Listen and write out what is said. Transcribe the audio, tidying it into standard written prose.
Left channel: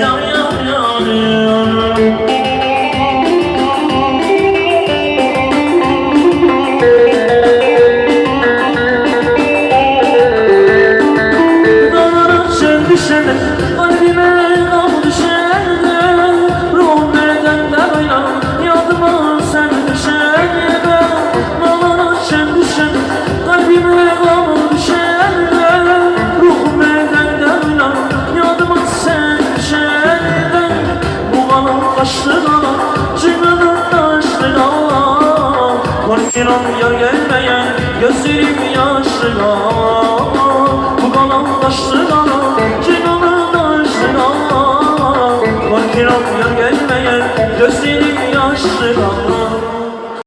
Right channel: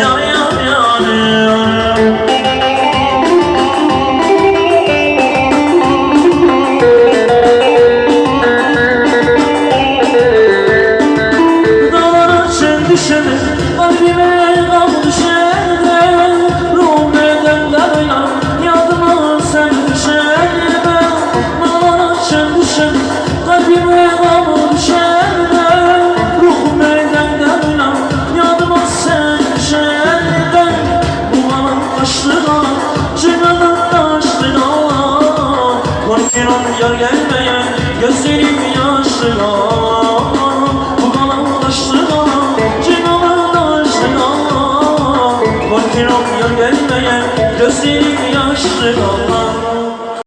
ya ya ya ya. Düşene, kalbime nam düşene, ruhum bedende oynar, yadıma sen düşene. Bana sen düşene, kalbime nam düşene, ruhum bedende oynar, yadıma sen düşene. Bu bana taşlığa, çıkmadın taşlığa, korkuyorum yar gelmeye, gözlerim yaşlığa. Bu bana taşlığa, korkuyorum yar gelmeye, gözlerim yaşlı.